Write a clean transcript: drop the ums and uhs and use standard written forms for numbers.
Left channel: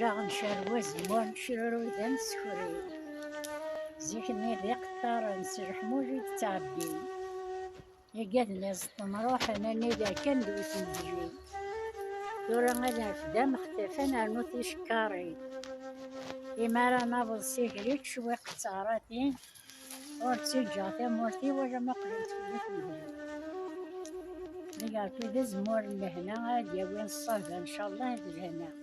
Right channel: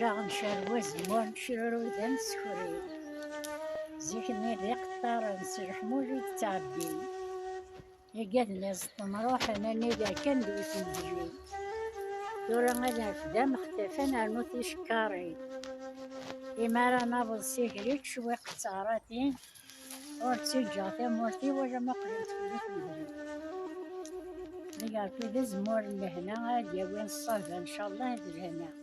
راغ نشروا زمور نشروا ذا نسكري زيكني ذي قطار نسرح موجود تعبي يقدني نروح انا نيدا كان دويت نجري دورا غادا فدا مختفى نرنو تيشكاري إما راه نابض سيكريت شوي قطاراتي ورتي جاتي مورتي ولا ما قبلت فيك نهري ريال في ذا زمور لهنا غادي وين الصافا إن شاء الله هاد الهنا